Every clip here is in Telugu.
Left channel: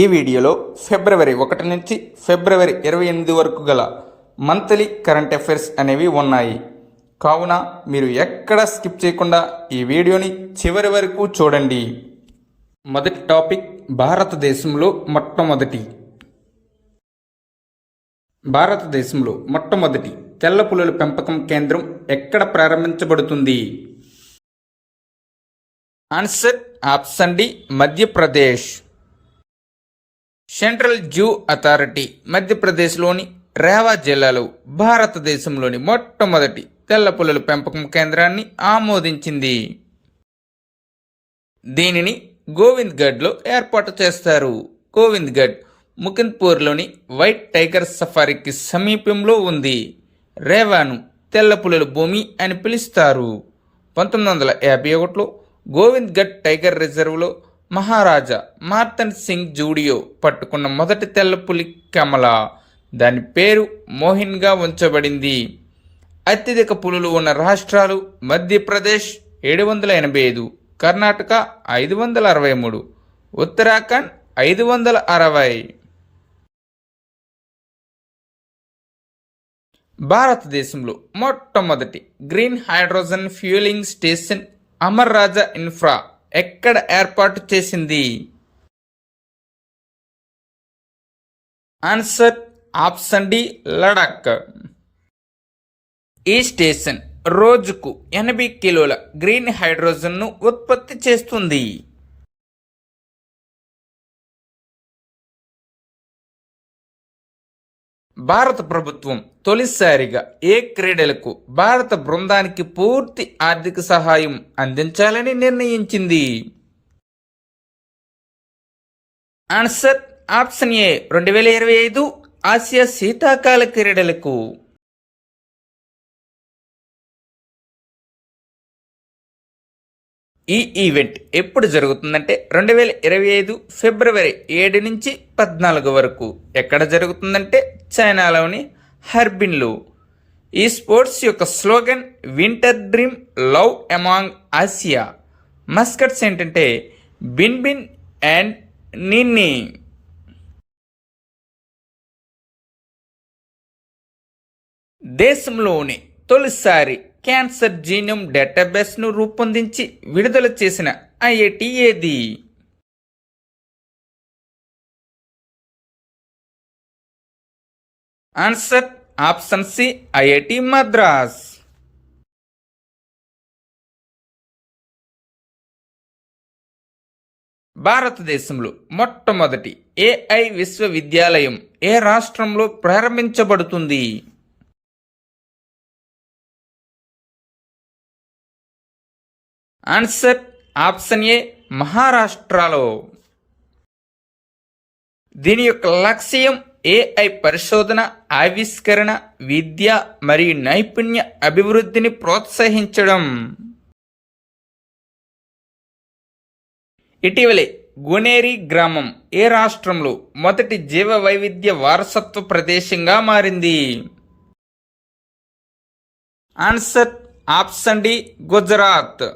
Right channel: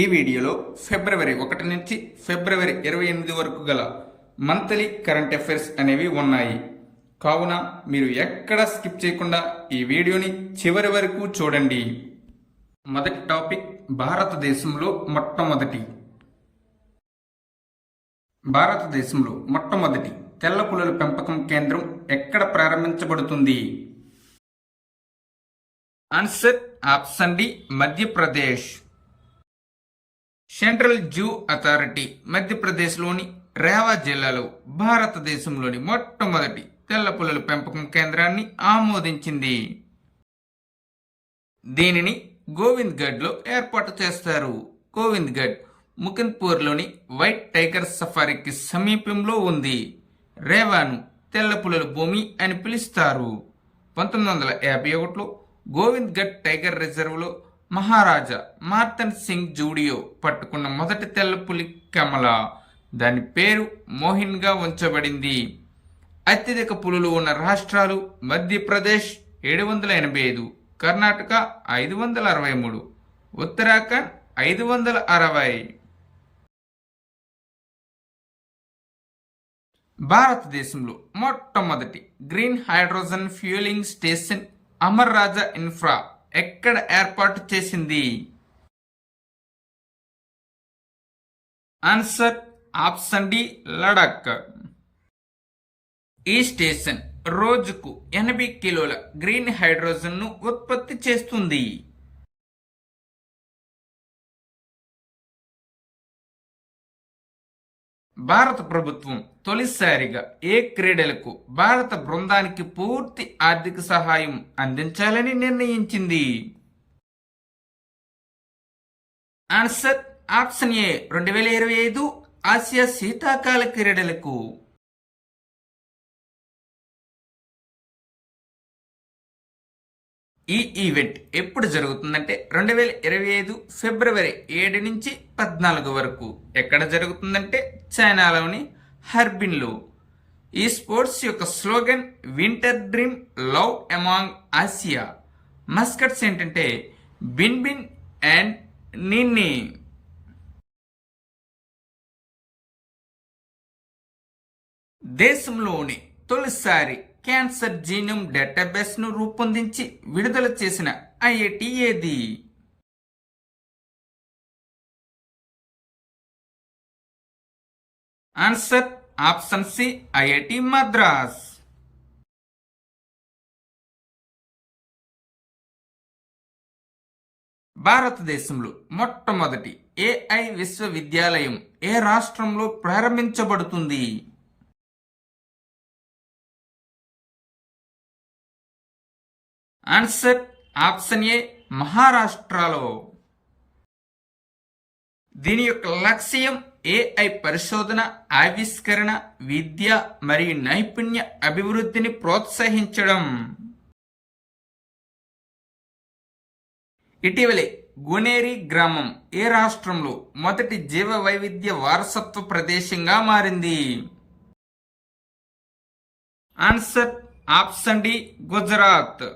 ఈ వీడియోలో ఫిబ్రవరి 1 నుంచి ఫిబ్రవరి 28 వరకు గల మంత్లీ కరెంట్ అఫైర్స్ అనేవి ఉన్నాయి. కావున మీరు ఎక్కడ స్కిప్ చేయకుండా ఈ వీడియోని చివరి వరకు చూడండి. మొదటి టాపిక్, భారతదేశంలో మొట్టమొదటి తెల్ల పులుల పెంపకం కేంద్రం ఎక్కడ ప్రారంభించబడుతుంది? Answer option D, Madhya Pradesh. Central zoo authority మధ్యప్రదేశ్లోని రేవా జిల్లాలో భారతదేశంలోని మొట్టమొదటి తెల్ల పులుల పెంపకం కేంద్రాన్ని ఆమోదించింది. దీనిని గోవింద్గఢ్లో ఏర్పాటు చేస్తారు. గోవింద్గఢ్ ముకుంద్పూర్లోని వైట్ టైగర్ సఫారీకి సమీపంలో ఉంది. రేవాను తెల్ల పులుల భూమి అని పిలుస్తారు. 1951లో గోవింద్గఢ్ టైగర్ రిజర్వ్లో మహారాజా మార్తన్ సింగ్ జూడియో పట్టుకున్న మొదటి తెల్ల పులి కమల. దాని పేరు మోహిన్గా ఉంచబడింది. అత్యధిక పులులు ఉన్న రాష్ట్రాలు మధ్యప్రదేశ్ 785, కర్ణాటక 563, ఉత్తరాఖండ్ 560. భారతదేశంలో మొట్టమొదటి green hydrogen fuelling station Amar Raja Infra ఎక్కడ ఏర్పాటు చేసింది? Answer option D, Ladakh. ఈ స్టేషన్ రోజుకు 80 కిలోల గ్రీన్ హైడ్రోజన్ను ఉత్పత్తి చేస్తుంది. భారత ప్రభుత్వం తొలిసారిగా ఏ క్రీడలకు భారత బృందానికి పూర్తి ఆర్థిక సహాయం అందించాలని నిర్ణయించింది? ఆన్సర్ ఆప్షన్ ఏ, 2025 ఆసియా శీతాకాల క్రీడలకు. ఈ ఈవెంట్ ఎప్పుడు జరుగుతుందంటే 2025 ఫిబ్రవరి 7 నుంచి 14 వరకు. ఎక్కడ జరుగుతుందంటే చైనాలోని హర్బిన్లో. ఈ స్పోర్ట్స్ యొక్క slogan winter dream, love among Asia. Mascots ఏంటంటే బిన్ బిన్ అండ్ నిన్ని. దేశంలోని తొలిసారి క్యాన్సర్ జీనోమ్ డేటాబేస్ను రూపొందించి విడుదల చేసిన ఐఐటి ఏది? Answer option C, IIT Madras. భారతదేశంలో మొట్టమొదటి ఏఐ విశ్వవిద్యాలయం ఏ రాష్ట్రంలో ప్రారంభించబడుతుంది? ఆన్సర్ ఆప్షన్ ఏ, మహారాష్ట్రలో. దీని యొక్క లక్ష్యం ఏఐ పరిశోధన, ఆవిష్కరణ, విద్య మరియు నైపుణ్య అభివృద్ధిని ప్రోత్సహించడం. ఇటీవలే గునేరి గ్రామం ఏ రాష్ట్రంలో మొదటి జీవ వైవిధ్య వారసత్వ ప్రదేశంగా మారింది? Answer option D, Gujarat.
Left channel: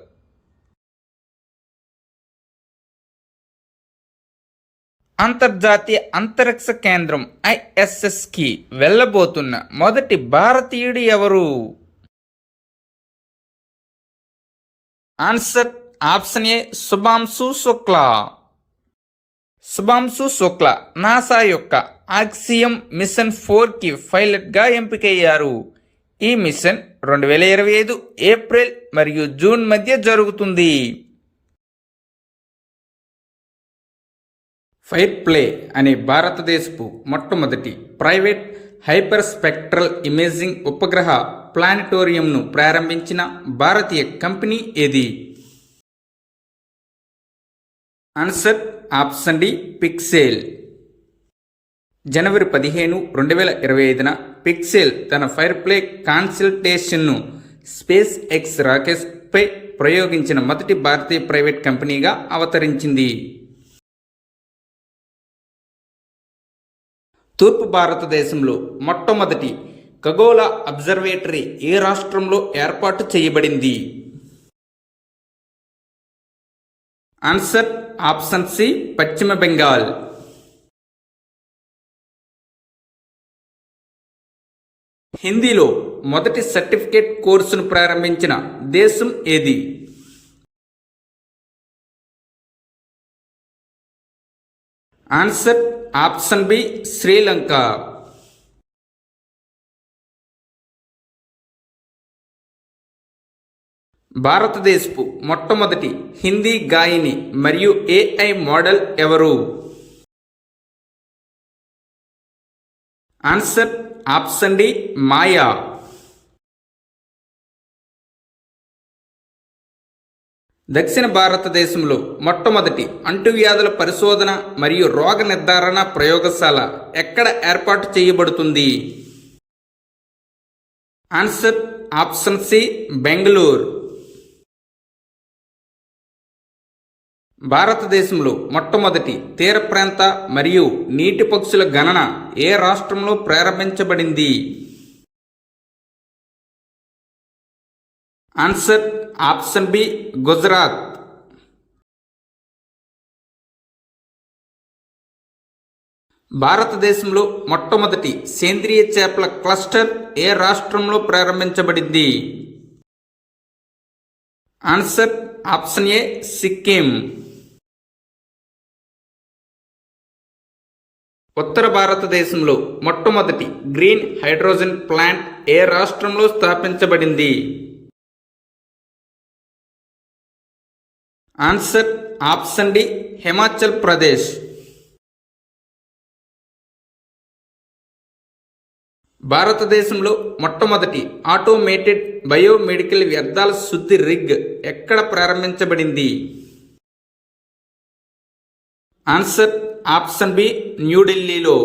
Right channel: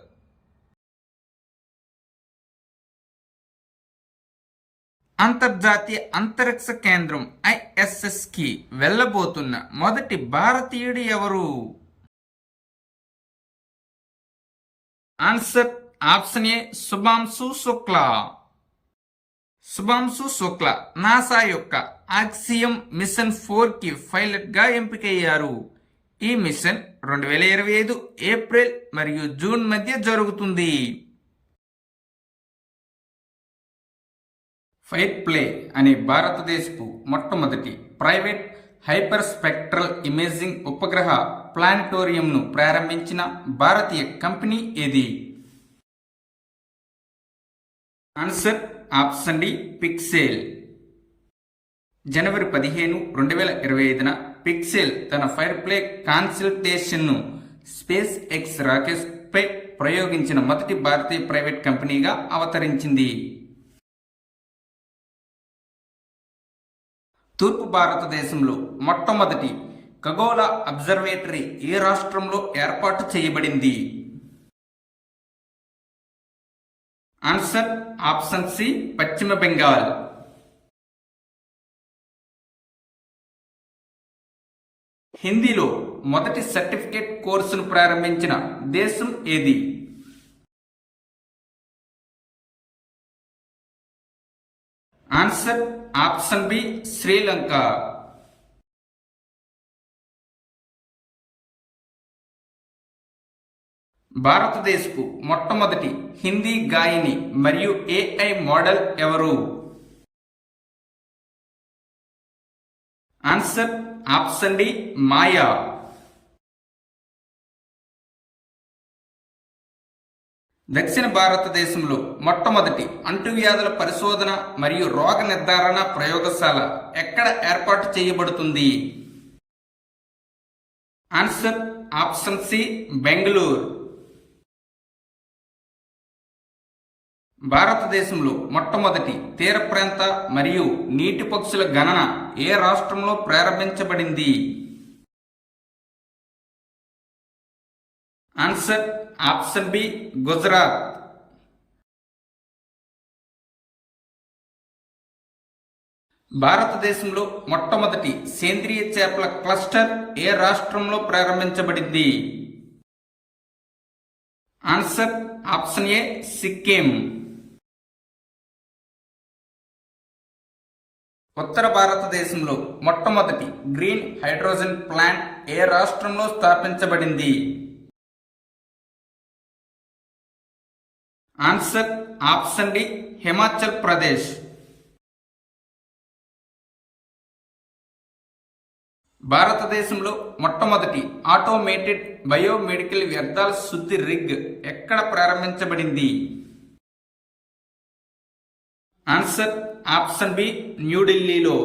అంతర్జాతీయ అంతరిక్ష కేంద్రం ISSకి వెళ్ళబోతున్న మొదటి భారతీయుడు ఎవరు? Answer option A, Shubhanshu Shukla. Shubhanshu Shukla NASA యొక్క ఆక్సియం మిషన్ 4కి పైలట్గా ఎంపికయ్యారు. ఈ మిషన్ 2025 ఏప్రిల్ మరియు జూన్ మధ్య జరుగుతుంది. ఫైర్ ప్లే అనే భారతదేశపు మొట్టమొదటి ప్రైవేట్ హైపర్ స్పెక్ట్రల్ ఇమేజింగ్ ఉపగ్రహ ప్లానిటోరియంను ప్రారంభించిన భారతీయ కంపెనీ ఏది? Answer option D, Pixxel. జనవరి 15, 2025న పిక్సెల్ తన ఫైర్ ప్లే కాన్సల్టేషన్ను స్పేస్ ఎక్స్ రాకెట్పై ప్రయోగించిన మొదటి భారతీయ ప్రైవేట్ కంపెనీగా అవతరించింది. తూర్పు భారతదేశంలో మొట్టమొదటి ఖగోళ అబ్జర్వేటరీ ఏ రాష్ట్రంలో ఏర్పాటు చేయబడింది? ఆన్సర్ ఆప్షన్ సి, పశ్చిమ బెంగాల్. హిందీలో మొదటి సర్టిఫికేట్ కోర్సును ప్రారంభించిన దేశం ఏది? Answer option B Sri Lanka. భారతదేశపు మొట్టమొదటి హిందీ గాయని మరియు ఏఐ మోడల్ ఎవరు? Answer option D Maya. దక్షిణ భారతదేశంలో మొట్టమొదటి అంటువ్యాధుల పరిశోధన మరియు రోగ నిర్ధారణ ప్రయోగశాల ఎక్కడ ఏర్పాటు చేయబడుతుంది? Answer option C Bengaluru. భారతదేశంలో మొట్టమొదటి తీర ప్రాంత మరియు నీటి పక్షుల గణన ఏ రాష్ట్రంలో ప్రారంభించబడింది? Answer option B Gujarat. భారతదేశంలో మొట్టమొదటి సేంద్రియ చేపల క్లస్టర్ ఏ రాష్ట్రంలో ప్రారంభించబడింది? Answer option A Sikkim. ఉత్తర భారతదేశంలో మొట్టమొదటి గ్రీన్ హైడ్రోజన్ ప్లాంట్ ఏ రాష్ట్రంలో స్థాపించబడింది? Answer option D Himachal Pradesh. భారతదేశంలో మొట్టమొదటి ఆటోమేటెడ్ బయోమెడికల్ వ్యర్థాల శుద్ధి రిగ్ ఎక్కడ ప్రారంభించబడింది? ఆన్సర్ ఆప్షన్ బి న్యూఢిల్లీలో.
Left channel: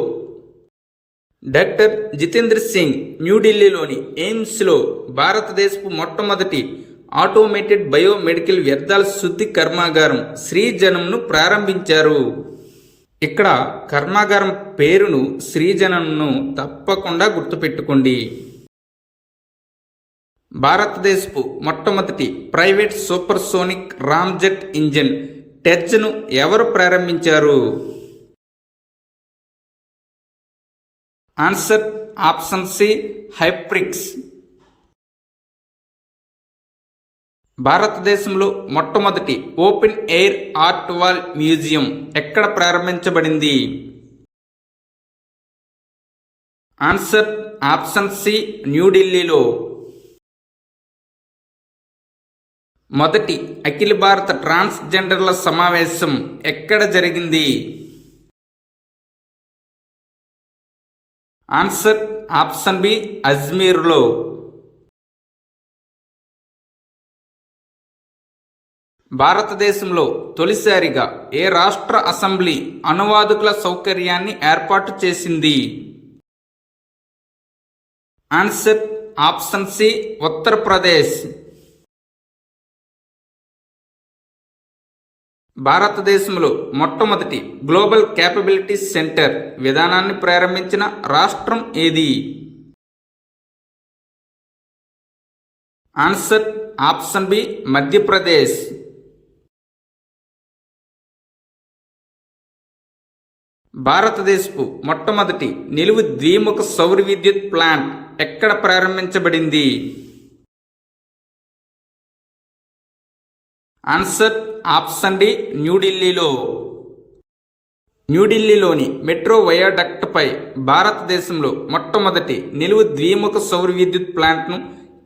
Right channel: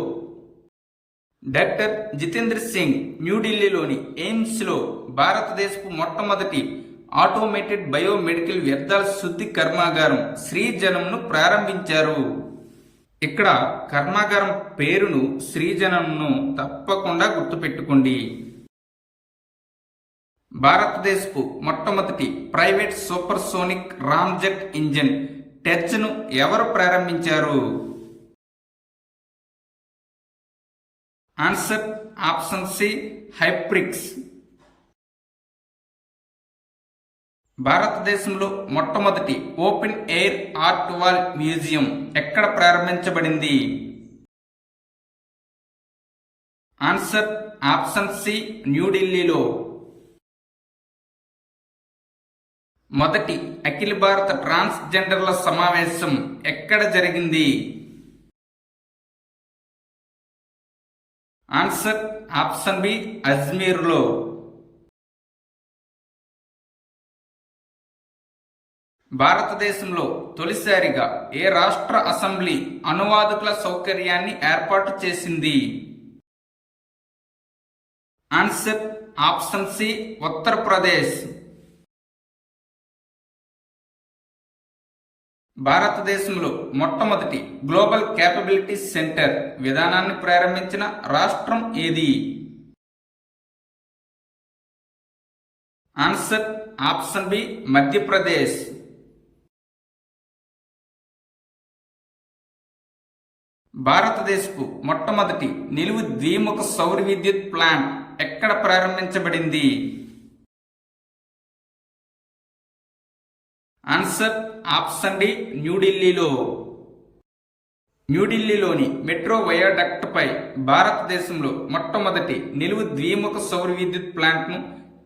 డాక్టర్ జితేంద్ర సింగ్ న్యూఢిల్లీలోని ఎయిమ్స్లో భారతదేశపు మొట్టమొదటి ఆటోమేటెడ్ బయోమెడికల్ వ్యర్థాల శుద్ధి కర్మాగారం శ్రీజనంను ప్రారంభించారు. ఇక్కడ కర్మాగారం పేరును శ్రీజనంను తప్పకుండా గుర్తుపెట్టుకోండి. భారతదేశపు మొట్టమొదటి ప్రైవేట్ సూపర్సోనిక్ రామ్జెట్ ఇంజిన్ టెర్జ్ను ఎవరు ప్రారంభించారు? ఆన్సర్ ఆప్షన్ సి హైప్రిక్స్. భారతదేశంలో మొట్టమొదటి open air art wall museum ఎక్కడ ప్రారంభించబడింది? ఆన్సర్ ఆప్షన్ సి న్యూఢిల్లీలో. మొదటి అఖిల భారత ట్రాన్స్జెండర్ల సమావేశం ఎక్కడ జరిగింది? Answer option B అజ్మీర్లో. భారతదేశంలో తొలిసారిగా ఏ రాష్ట్ర అసెంబ్లీ అనువాదకుల సౌకర్యాన్ని ఏర్పాటు చేసింది? Answer option C Uttar Pradesh. భారతదేశంలో మొట్టమొదటి గ్లోబల్ క్యాపబిలిటీ సెంటర్ విధానాన్ని ప్రారంభించిన రాష్ట్రం ఏది? Answer option B Madhya Pradesh. భారతదేశపు మొట్టమొదటి నిలువు ద్విముఖ సౌర విద్యుత్ ప్లాంట్ ఎక్కడ ప్రారంభించబడింది? ఆన్సర్ ఆప్షన్ డి న్యూఢిల్లీలో. న్యూఢిల్లీలోని మెట్రో వయాడక్ట్ పై భారతదేశంలో మొట్టమొదటి నిలువు ద్విముఖ సౌర విద్యుత్ ప్లాంట్ను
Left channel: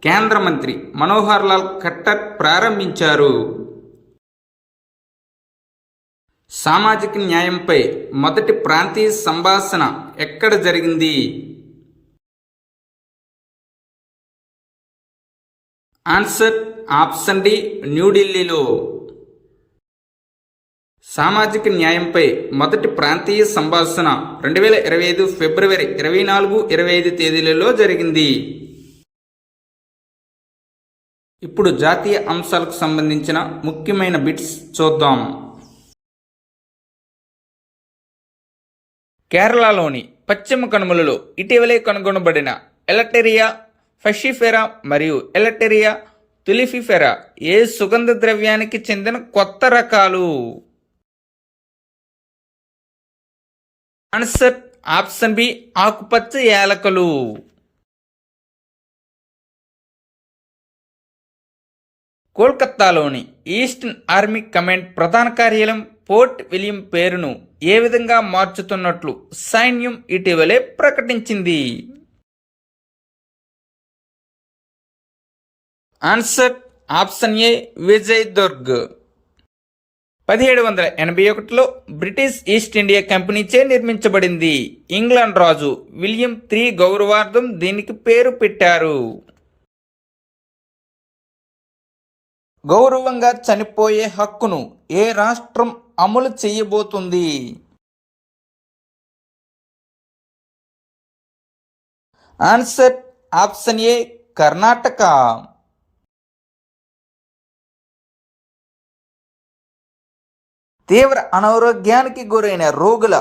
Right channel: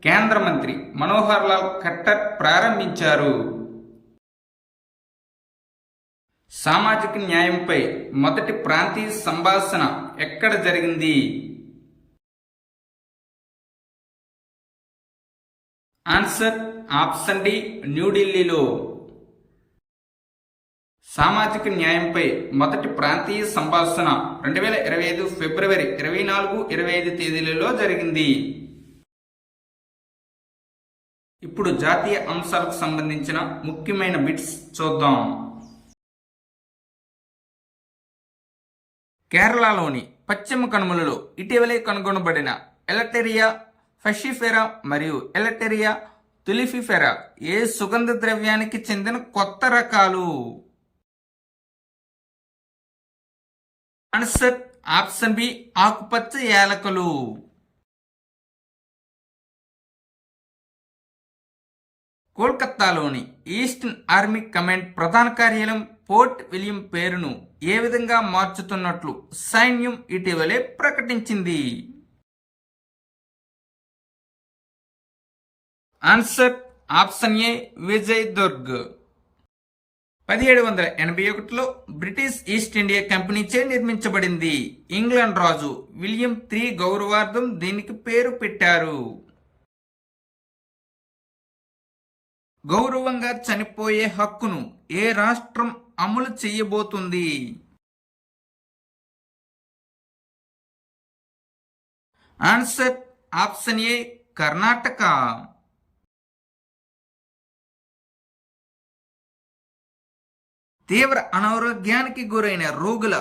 కేంద్ర మంత్రి మనోహర్ లాల్ ఖట్టర్ ప్రారంభించారు. సామాజిక న్యాయంపై మొదటి ప్రాంతీయ సంభాషణ ఎక్కడ జరిగింది? ఆన్సర్ ఆప్షన్ డి న్యూఢిల్లీలో. సామాజిక న్యాయంపై మొదటి ప్రాంతీయ సంభాషణ 2025 ఫిబ్రవరి 24, 25 తేదీలలో జరిగింది. ఇప్పుడు జాతీయ అంశాలకు సంబంధించిన ముఖ్యమైన బిట్స్ చూద్దాం. కేరళలోని పశ్చిమ కనుమలలో ఇటీవలే కనుగొనబడిన ఎలటెరియా ఫషిఫెరా మరియు ఎలటెరియా తులిఫిఫెరా ఏ సుగంధ ద్రవ్యానికి చెందిన కొత్త రకాలు? ఆన్సర్ ఆప్షన్ బి ఆకుపచ్చ యాలకులు. కోల్కతాలోని ఈస్టర్న్ ఆర్మీ కమాండ్ ప్రధాన కార్యాలయం పోర్ట్ విలియం పేరును ఏ విధంగా మార్చుతున్నట్లు సైన్యం ఇటీవలే ప్రకటించింది? Answer option A Vijay Durg. 1781లో బ్రిటిష్ ఈస్ట్ ఇండియా కంపెనీచే నిర్మించబడింది. ఇంగ్లాండ్ రాజు విలియం III గౌరవార్థం దీనికి పేరు పెట్టారు. గౌరవంగా చనిపోయే హక్కును ఏ రాష్ట్రం అమలు చేయబోతుంది? ఆన్సర్ ఆప్షన్ ఏ కర్ణాటక. తీవ్ర అనారోగ్యానికి గురైన రోగుల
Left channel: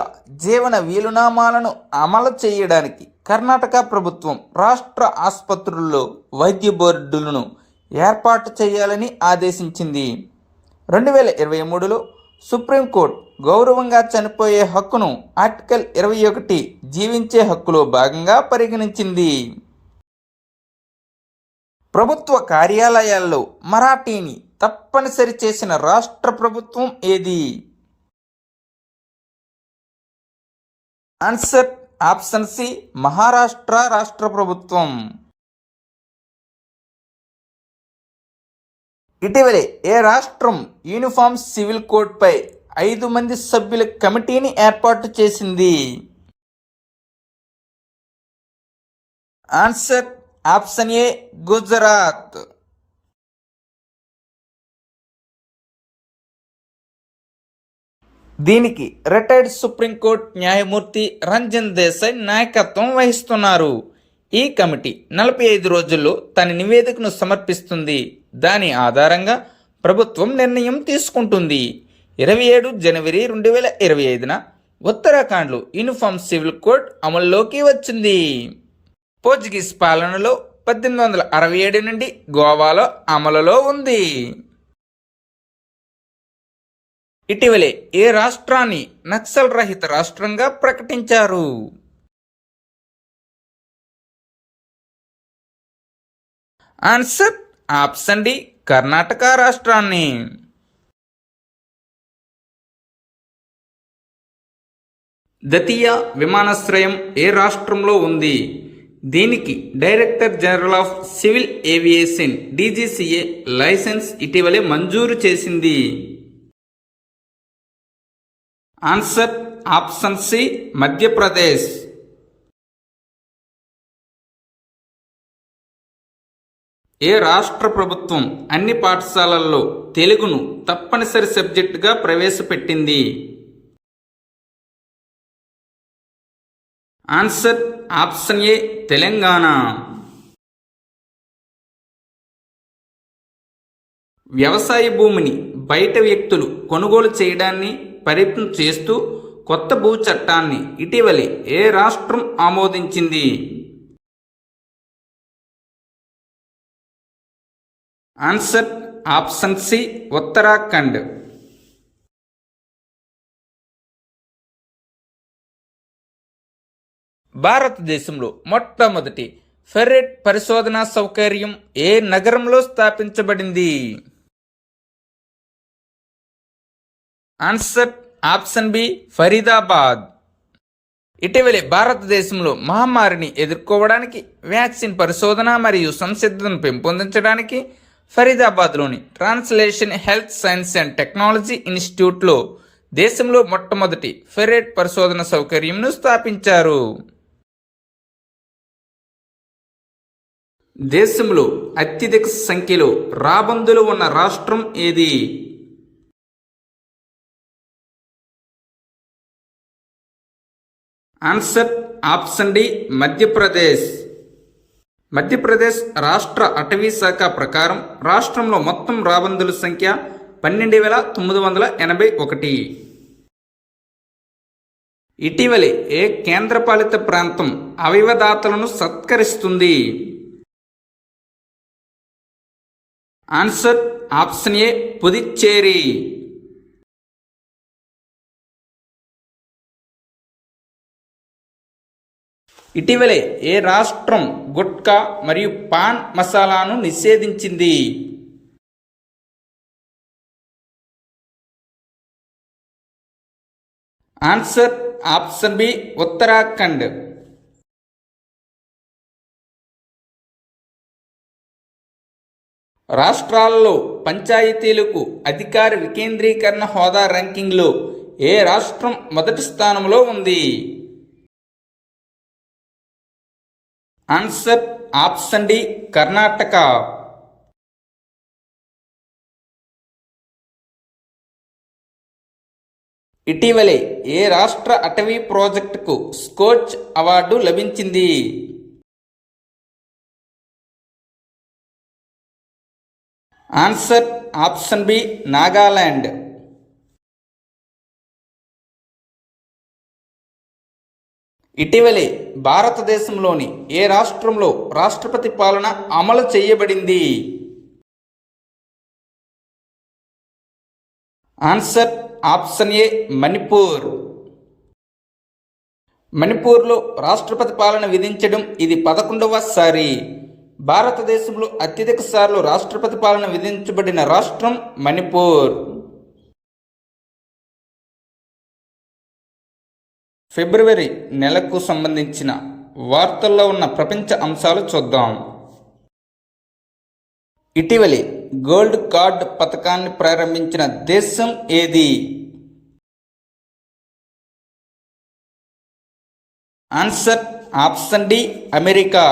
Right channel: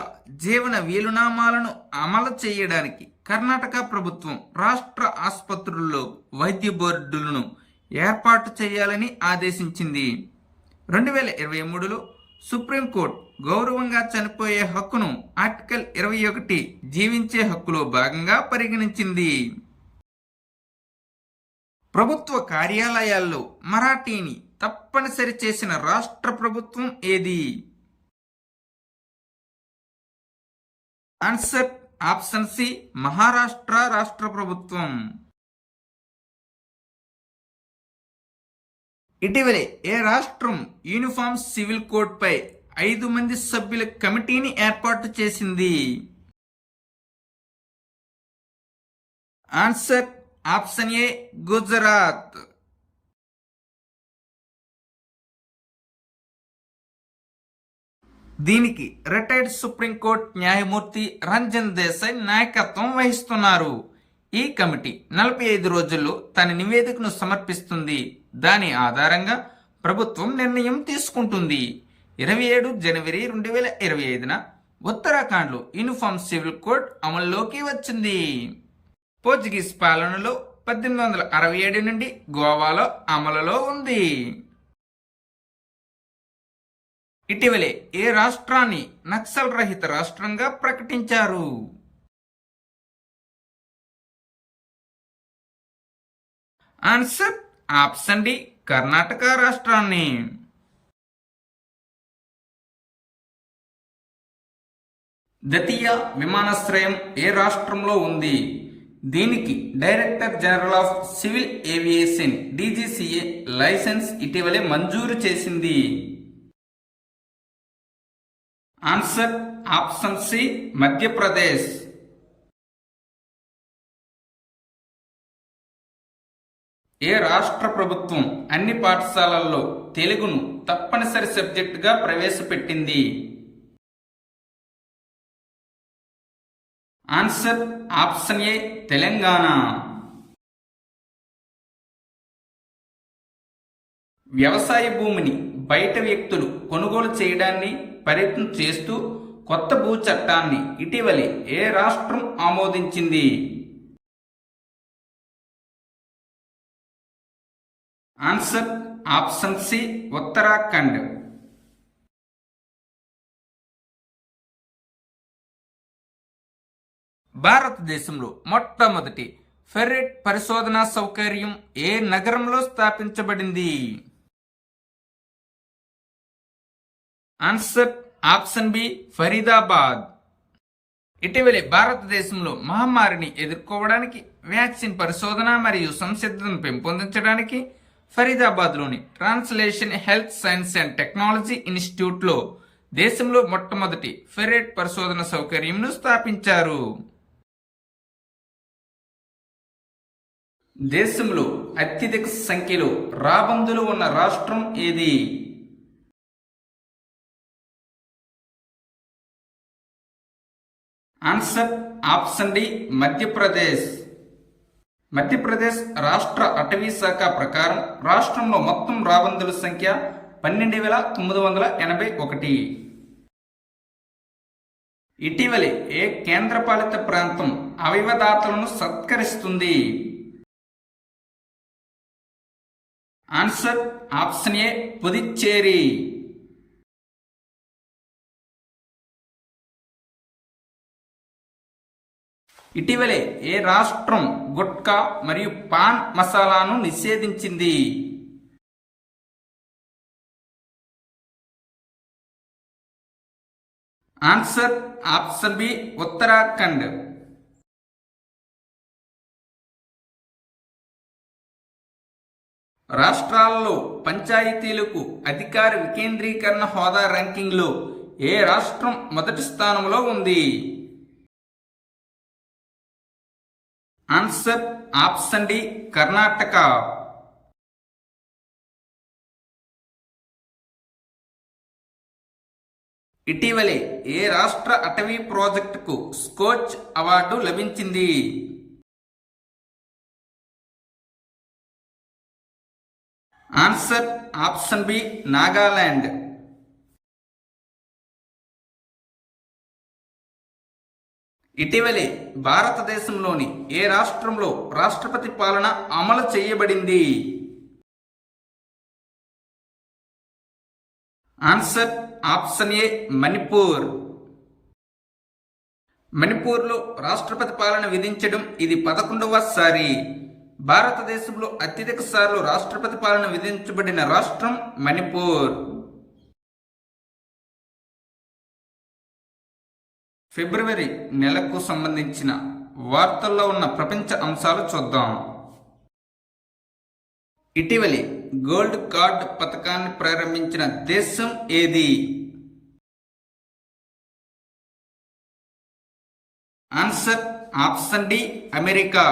జీవన వీలునామాలను అమలు చేయడానికి కర్ణాటక ప్రభుత్వం రాష్ట్ర ఆసుపత్రుల్లో వైద్య బోర్డులను ఏర్పాటు చేయాలని ఆదేశించింది. 2023లో సుప్రీంకోర్టు గౌరవంగా చనిపోయే హక్కును ఆర్టికల్ 21 జీవించే హక్కులో భాగంగా పరిగణించింది. ప్రభుత్వ కార్యాలయాల్లో మరాఠీని తప్పనిసరి చేసిన రాష్ట్ర ప్రభుత్వం ఏది? ఆన్సర్ ఆప్షన్ సి మహారాష్ట్ర రాష్ట్ర ప్రభుత్వం. ఇటీవలే ఏ రాష్ట్రం యూనిఫామ్ సివిల్ కోడ్పై 5 మంది సభ్యుల కమిటీని ఏర్పాటు చేసింది? ఆన్సర్ ఆప్షన్ ఏ గుజరాత్. దీనికి రిటైర్డ్ సుప్రీంకోర్టు న్యాయమూర్తి రంజన్ దేశాయ్ నాయకత్వం వహిస్తున్నారు. ఈ కమిటీ 45 రోజుల్లో తన నివేదికను సమర్పిస్తుంది. దాని ఆధారంగా ప్రభుత్వం నిర్ణయం తీసుకుంటుంది. 27 జనవరి 2025న ఉత్తరాఖండ్లో యూనిఫామ్ సివిల్ కోడ్ అమల్లోకి వచ్చింది. పోర్చుగీస్ పాలనలో 1867 నుండి గోవాలో అమలులో ఉంది. ఇటీవలే ఏ రాష్ట్రాన్ని నక్సల్ రహిత రాష్ట్రంగా ప్రకటించారు? ఆన్సర్ ఆప్షన్ డి కర్ణాటక రాష్ట్రాన్ని. దతియా విమానాశ్రయం ఏ రాష్ట్రంలో ఉంది? దీనికి director general of civil aviation DGCA licence ఇటీవలే మంజూరు చేసింది. Answer option C Madhya Pradesh. ఏ రాష్ట్ర ప్రభుత్వం అన్ని పాఠశాలల్లో తెలుగును తప్పనిసరి సబ్జెక్టుగా ప్రవేశపెట్టింది? Answer option A Telangana. వ్యవసాయ భూమిని బయట వ్యక్తులు కొనుగోలు చేయడాన్ని పరిమితం చేస్తూ కొత్త భూ చట్టాన్ని ఇటీవలే ఏ రాష్ట్రం ఆమోదించింది? Answer option C Uttarakhand. భారతదేశంలో మొట్టమొదటి ఫెర్రెట్ పరిశోధనా సౌకర్యం ఏ నగరంలో స్థాపించబడింది? Answer option B Faridabad. ఇటీవలే భారతదేశంలో మహమ్మారిని ఎదుర్కోవడానికి వ్యాక్సిన్ పరిశోధన మరియు సంసిద్ధతను పెంపొందించడానికి ఫరీదాబాద్లోని translation health science and technology ఇన్స్టిట్యూట్లో దేశంలో మొట్టమొదటి ఫెర్రెట్ పరిశోధన సౌకర్యంను స్థాపించారు. దేశంలో అత్యధిక సంఖ్యలో రాబందులు ఉన్న రాష్ట్రం ఏది? Answer option D Madhya Pradesh. Madhya Pradesh రాష్ట్ర అటవీ శాఖ ప్రకారం రాష్ట్రంలో మొత్తం రాబందుల సంఖ్య 12,981. ఇటీవలే ఏ కేంద్రపాలిత ప్రాంతం అవయవదాతలను సత్కరిస్తుంది? Answer option A Puducherry. ఇటీవలే ఏ రాష్ట్రం గుట్కా మరియు పాన్ మసాలాను నిషేధించింది? Answer option B Uttarakhand. రాష్ట్రాల్లో పంచాయతీలకు అధికార వికేంద్రీకరణ హోదా ర్యాంకింగ్లో ఏ రాష్ట్రం మొదటి స్థానంలో ఉంది? Answer option D Karnataka. ఇటీవలే ఏ రాష్ట్ర అటవీ ప్రాజెక్టుకు స్కోచ్ అవార్డు లభించింది? Answer option B Nagaland. ఇటీవలే భారతదేశంలోని ఏ రాష్ట్రంలో రాష్ట్రపతి పాలన అమలు చేయబడింది? Answer option A Manipur. మణిపూర్లో రాష్ట్రపతి పాలన విధించడం ఇది 11వ సారి. భారతదేశంలో అత్యధిక సార్లు రాష్ట్రపతి పాలన విధించబడిన రాష్ట్రం మణిపూర్. ఫిబ్రవరి నెలకు సంబంధించిన వార్తల్లో ఉన్న ప్రపంచ అంశాలు చూద్దాం. ఇటీవలి గోల్డ్ కార్డ్ పథకాన్ని ప్రారంభించిన దేశం ఏది? Answer option D America.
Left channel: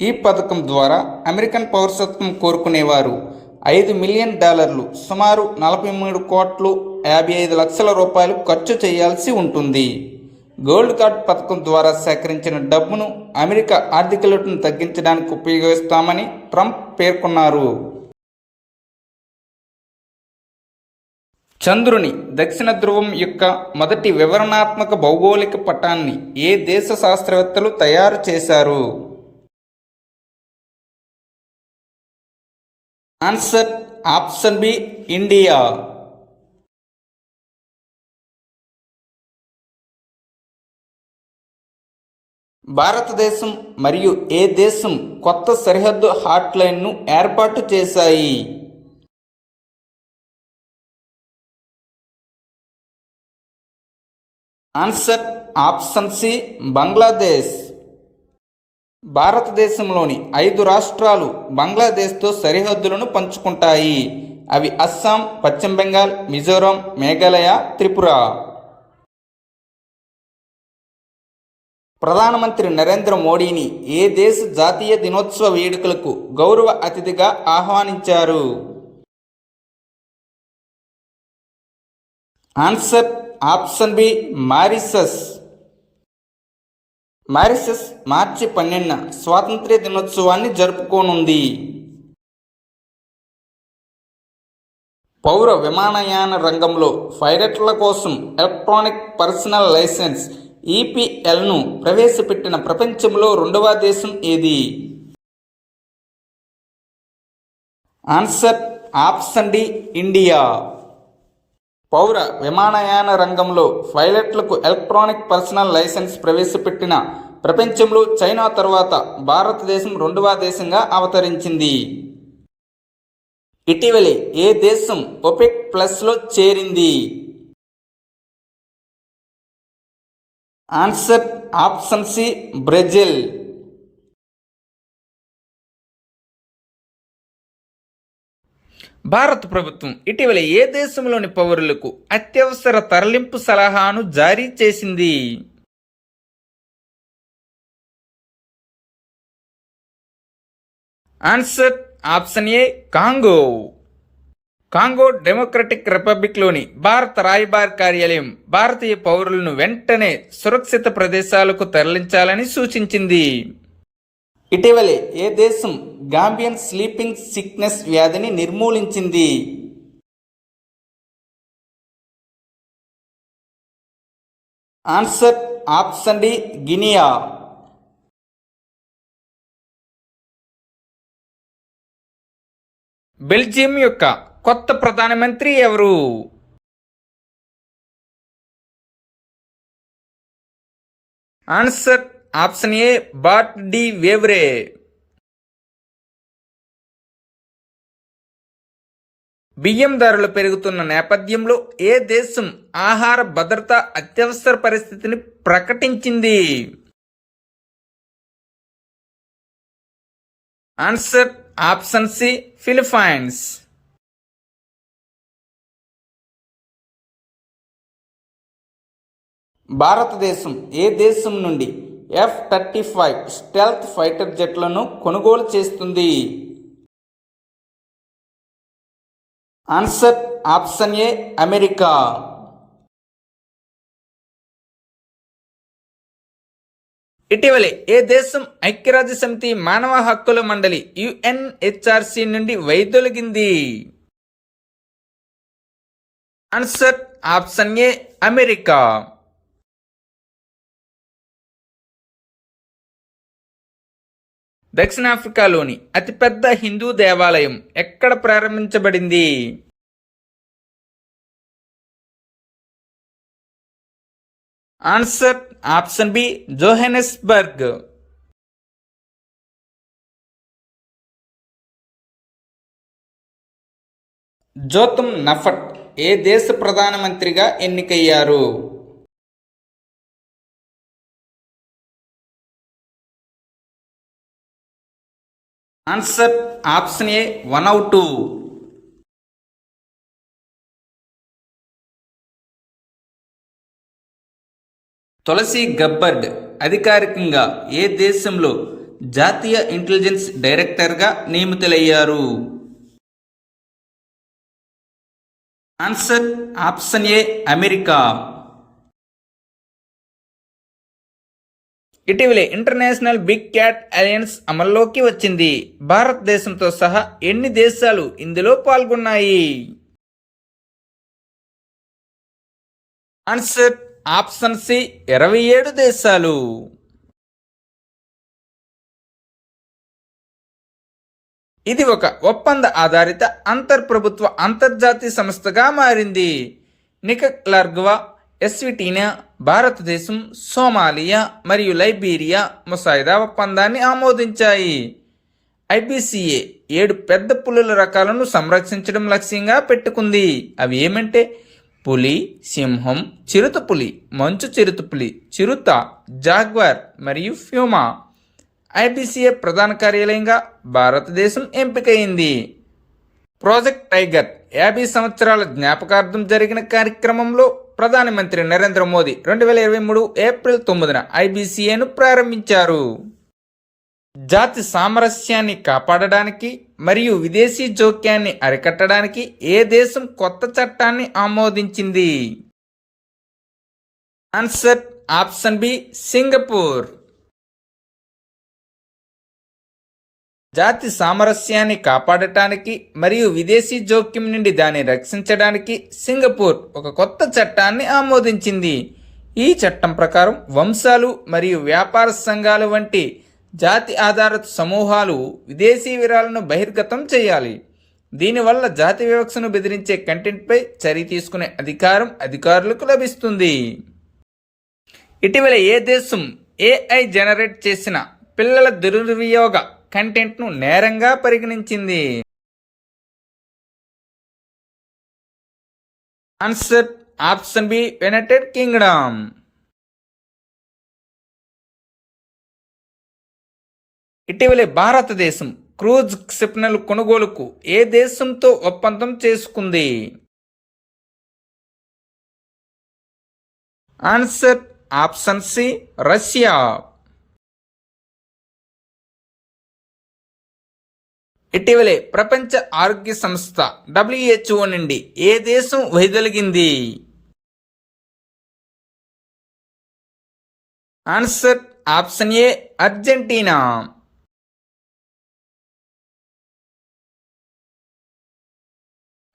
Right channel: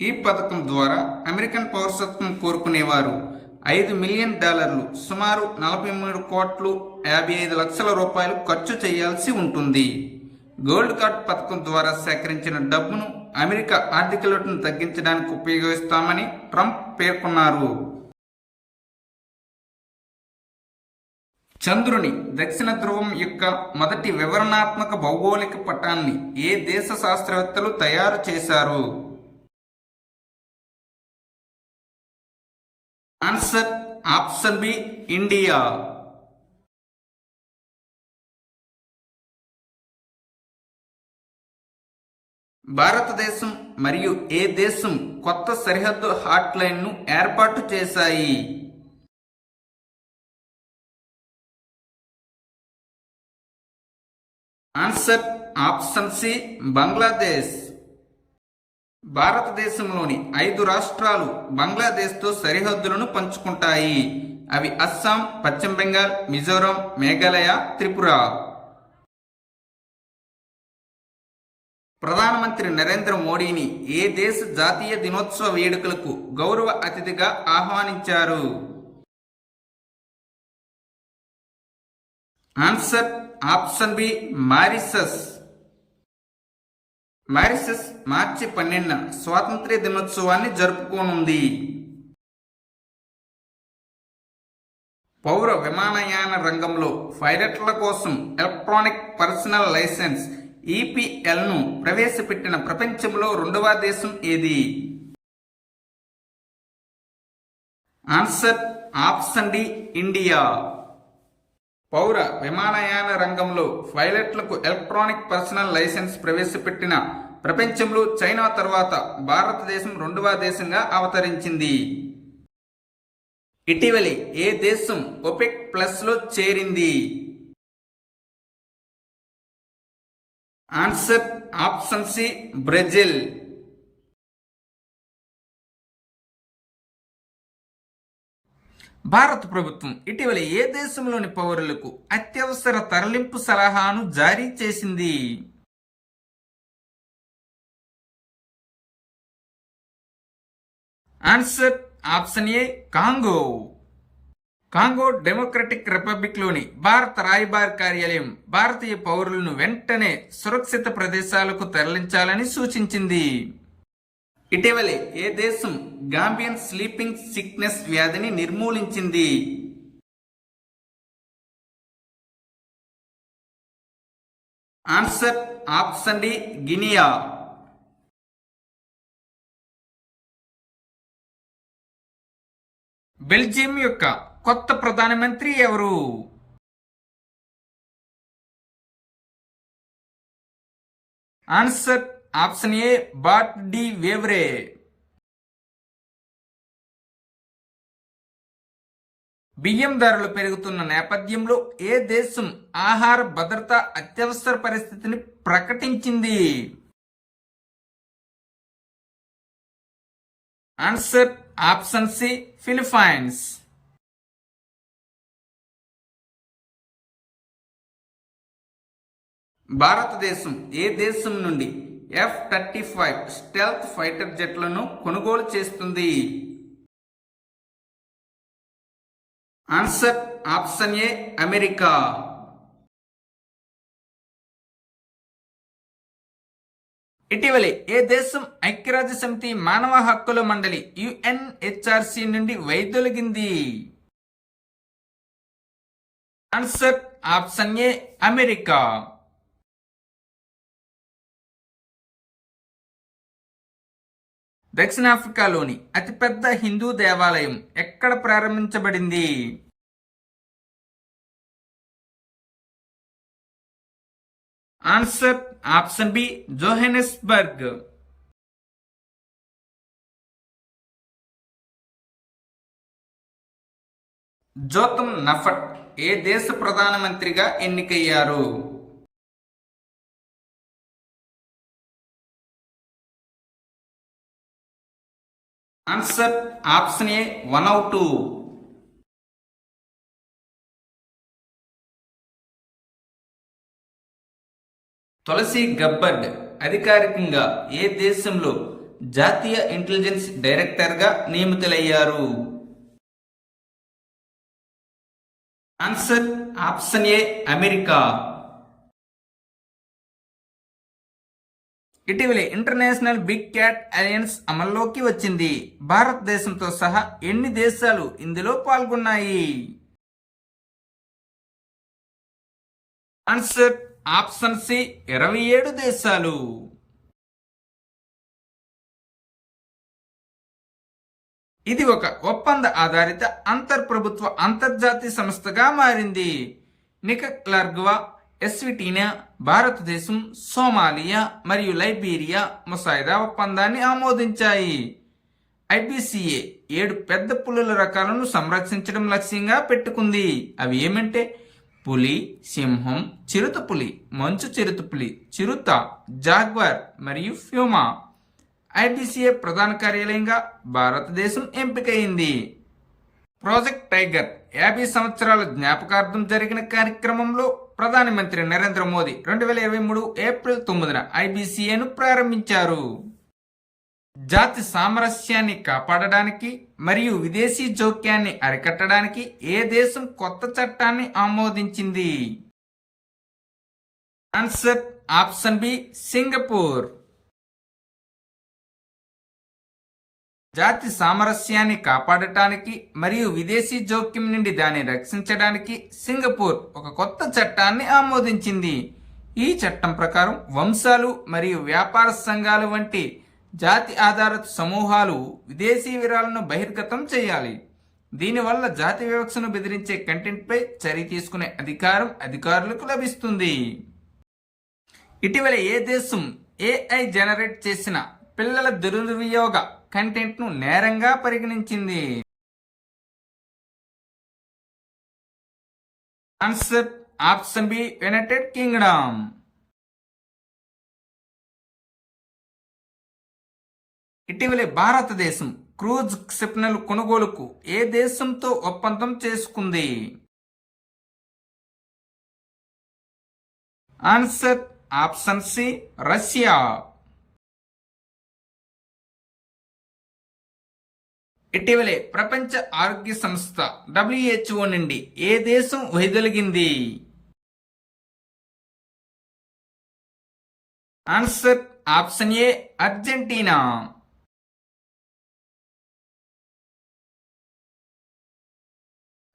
ఈ పథకం ద్వారా అమెరికన్ పౌరసత్వం కోరుకునేవారు $5 మిలియన్ సుమారు 43,55,00,000 రూపాయలు ఖర్చు చేయాల్సి ఉంటుంది. గోల్డ్ కార్డ్ పథకం ద్వారా సేకరించిన డబ్బును అమెరికా ఆర్థిక లోటును తగ్గించడానికి ఉపయోగిస్తామని ట్రంప్ పేర్కొన్నారు. చంద్రుని దక్షిణ ధ్రువం యొక్క మొదటి వివరణాత్మక భౌగోళిక పటాన్ని ఏ దేశ శాస్త్రవేత్తలు తయారు చేశారు? Answer option B India. భారతదేశం మరియు ఏ దేశం కొత్త సరిహద్దు హాట్లైన్ను ఏర్పాటు చేశాయి? Answer option C Bangladesh. భారతదేశంలోని 5 రాష్ట్రాలు బంగ్లాదేశ్తో సరిహద్దులను పంచుకుంటాయి. అవి అస్సాం, పశ్చిమ బెంగాల్, మిజోరాం, మేఘాలయ, త్రిపుర. ప్రధానమంత్రి నరేంద్ర మోడీని ఏ దేశ జాతీయ దినోత్సవ వేడుకలకు గౌరవ అతిథిగా ఆహ్వానించారు? Answer option B Mauritius. Mauritius మార్చి 12న స్వాతంత్ర్య దినోత్సవాన్ని జరుపుకోనుంది. పౌర విమానయాన రంగంలో పైలట్ల కోసం ఎలక్ట్రానిక్ పర్సనల్ లైసెన్స్ ఈపీఎల్ను ప్రవేశపెట్టిన ప్రపంచంలో 2వ దేశం ఏది? Answer option D India. పౌర విమానయాన రంగంలో పైలట్లకు ఎలక్ట్రానిక్ పర్సనల్ లైసెన్స్ ప్రవేశపెట్టిన ప్రపంచంలో చైనా తర్వాత భారతదేశం 2వ దేశంగా అవతరించింది. ఇటీవలే ఏ దేశం ఒపెక్ ప్లస్లో చేరింది? Answer option C Brazil. భారత ప్రభుత్వం ఇటీవల ఏ దేశంలోని పౌరులకు అత్యవసర తరలింపు సలహాను జారీ చేసింది? Answer option A Congo. Congo Democratic రిపబ్లిక్లోని భారత రాయబార కార్యాలయం భారతీయ పౌరులను వెంటనే సురక్షిత ప్రదేశాలకు తరలించాలని సూచించింది. ఇటీవలే ఏ దేశం గాంబియన్ స్లీపింగ్ సిక్నెస్ వ్యాధిని నిర్మూలించింది? Answer option D Guinea. Belgium యొక్క కొత్త ప్రధానమంత్రి ఎవరు? Answer option A Bart De Wever. బియ్యం ధరలు పెరుగుతున్న నేపథ్యంలో ఏ దేశం ఆహార భద్రత అత్యవసర పరిస్థితిని ప్రకటించింది? Answer option C, Philippines. భారతదేశం ఏ దేశం నుండి F-35 స్టెల్త్ ఫైటర్ జెట్లను కొనుగోలు చేస్తుంది? Answer option A, America. ఇటీవలే ఏ దేశం ఐక్యరాజ్య సమితి మానవ హక్కుల మండలి UNHRC నుండి వైదొలిగింది? Answer option A, America. దక్షిణాఫ్రికాలోని అతిపెద్ద హిందూ దేవాలయం ఎక్కడ ప్రారంభించబడింది? Answer option B, Johannesburg. Jotham Napat ఏ దేశ ప్రధానమంత్రిగా ఎన్నికయ్యారు? Answer option A, Vanuatu. Tulsi Gabbard అధికారికంగా ఏ దేశంలో జాతీయ ఇంటెలిజెన్స్ డైరెక్టర్గా నియమితులయ్యారు? Answer option A, America. ఇటీవలే ఇంటర్నేషనల్ బిగ్ క్యాట్ అలయన్స్ అమల్లోకి వచ్చింది. భారతదేశంతో సహా ఎన్ని దేశాలు ఇందులో పాల్గొన్నాయి? ఆన్సర్ ఆప్షన్ సి, 27 దేశాలు. ఇది ఒక ఒప్పంద ఆధారిత అంతర్ప్రభుత్వ అంతర్జాతీయ సంస్థగా మారింది. నికరాగ్వా, ఎస్విటీనియా, భారతదేశం, సోమాలియా మరియు లైబీరియా ముసాయిదా ఒప్పందాన్ని ఆమోదించాయి. IBCA 7 పెద్ద పులుల రకాలను సంరక్షించడం లక్ష్యంగా పెట్టుకుంది. అవి ఏమంటే పులి, సింహం, చిరుతపులి, మంచు చిరుతపులి, చిరుత, జాగ్వార్ మరియు ప్యూమా. IBCA ప్రధాన కార్యాలయంగా భారతదేశం ఎంపికైంది. ప్రాజెక్ట్ టైగర్ 50 సంవత్సరాల జ్ఞాపకార్థం జరిగిన కార్యక్రమంలో ప్రధానమంత్రి నరేంద్ర మోదీ 2023 ఏప్రిల్ 9న IBCAను ప్రారంభించారు. జాతి సామరస్యాన్ని కాపాడడానికి మరియు విదేశీ జోక్యాన్ని అరికట్టడానికి ఏ దేశం కొత్త చట్టాన్ని ఆమోదించింది? Answer option B, Singapore. జాతి సామరస్యాన్ని కాపాడటానికి మరియు విదేశీ జోక్యం నుండి దాన్ని రక్షించడానికి సింగపూర్ ఒక కొత్త చట్టాన్ని ఆమోదించింది. ఈ చట్టం ప్రకారం వంశాలు మరియు వ్యాపార సంఘాలు వంటి జాతి ఆధారిత సమూహాలు విదేశీ విరాళాలను బహిర్గతం చేయాలి. దీనివల్ల జాతి వివక్షను బెదిరించే కంటెంట్పై చర్య తీసుకునే అధికారం అధికారులకు లభిస్తుంది. ఇటీవల ఏ దేశం AI జనరేట్ చేసిన పిల్లల దుర్వినియోగ కంటెంట్ను నేరంగా పరిగణించింది? Answer option B, United Kingdom. ఇటీవలే భారతదేశం క్రూజ్ క్షిపణుల కొనుగోలుకు ఏ దేశంతో ఒప్పందం చేసుకుంది? Answer option C, Russia. ఇటీవలే ప్రపంచ ఆరోగ్య సంస్థ WHO నుండి ఏ దేశం వైదొలిగింది? Answer option A, Argentina.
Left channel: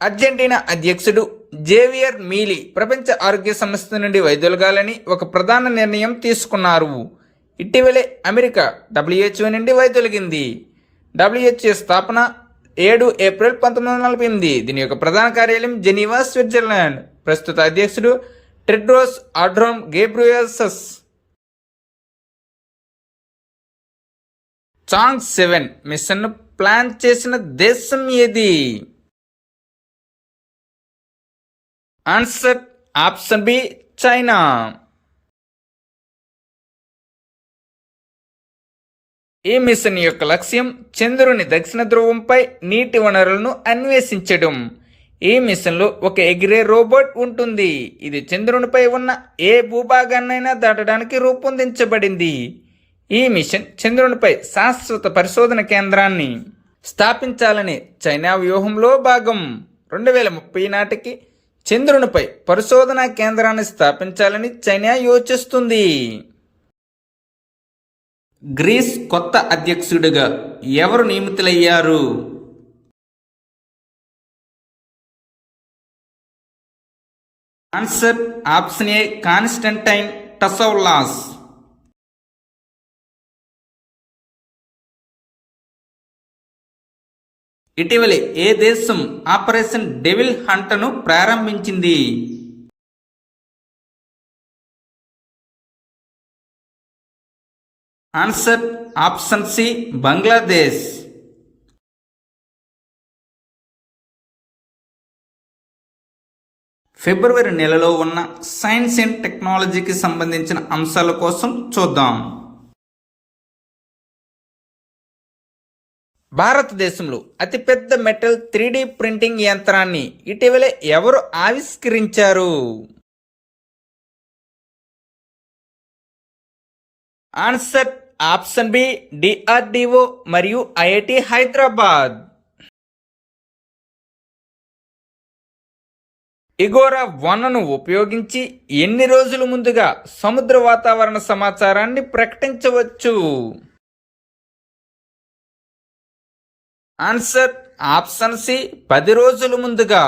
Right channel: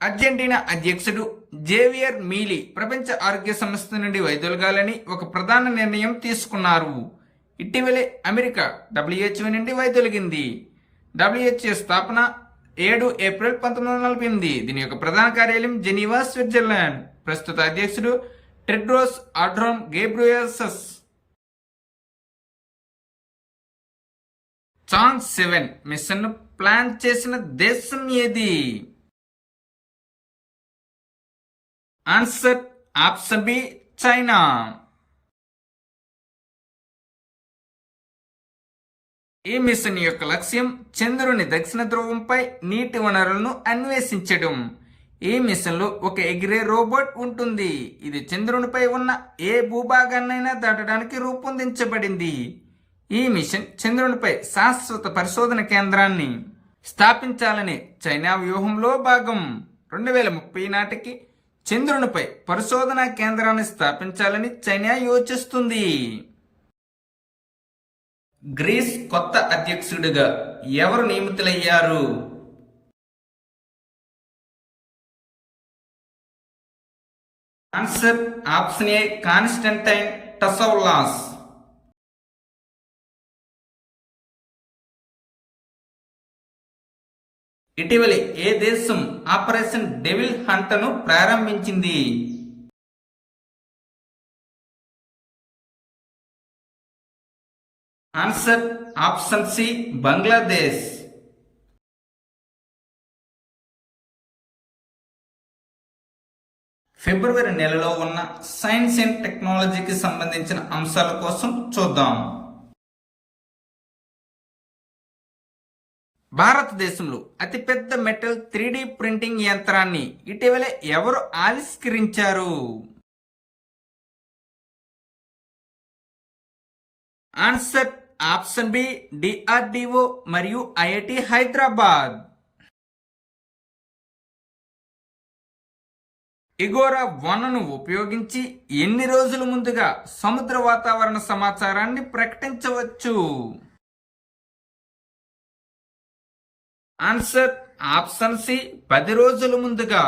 Argentina అధ్యక్షుడు జేవియర్ మీలీ ప్రపంచ ఆరోగ్య సంస్థ నుండి వైదొలగాలని ఒక ప్రధాన నిర్ణయం తీసుకున్నారు. ఇటీవలే అమెరికా WHO నుండి వైదొలిగింది. WHO స్థాపన 7 ఏప్రిల్ 1948. దీని యొక్క ప్రధాన కార్యాలయం జెనీవా, స్విట్జర్లాండ్. ప్రస్తుత అధ్యక్షుడు టెడ్రోస్ అడ్హానోమ్ గేబ్రియేసస్. చాంగ్ 7 మిషన్ను ప్లాన్ చేసిన దేశం ఏది? Answer option B China. ఈ మిషన్ యొక్క లక్ష్యం చంద్రుని దక్షిణ ధ్రువంపై నీటి వనరులను అన్వేషించడం. ఈ మిషన్లో ఒక ఎగిరే రోబోట్ ఉంటుంది. ఇది చంద్రునిపై ఉన్న ఏ భూభాగాన్నైనా దాటడానికి రూపొందించబడింది. ఈ మిషన్ చంద్రునిపై శాశ్వత పరిశోధన కేంద్రాన్ని స్థాపించాలనే చైనా వ్యూహంలో భాగం. 2030 నాటికి చంద్రునిపై పరిశోధనా కేంద్రాన్ని స్థాపించాలని చైనా యోచిస్తుంది. గ్రీస్ కొత్త అధ్యక్షుడిగా ఎవరు నియమితులయ్యారు? Answer option A Konstantinos Tasoulas. ఇటీవలే ఏ దేశం ఆపరేషన్ డెవిల్ హంట్ను ప్రారంభించింది? Answer option C Bangladesh. ఫిబ్రవరి నెలలో ఉన్న సైన్స్ అండ్ టెక్నాలజీకి సంబంధించిన అంశాల కోసం చూద్దాం. భారతదేశంలో అతిపెద్ద మెటల్ 3D ప్రింటింగ్ యంత్రాన్ని ఇటీవలే ఎవరు ఆవిష్కరించారు? ఆన్సర్ ఆప్షన్ బి డిఆర్డిఓ మరియు ఐఐటి హైదరాబాద్. ఇగోరా 1ను ఉపయోగించి ఎన్ని రోజుల ముందుగా సముద్ర వాతావరణ సమాచారాన్ని ప్రకటించవచ్చు? ఆన్సర్ ఆప్షన్ సి 10 రోజుల ముందుగా.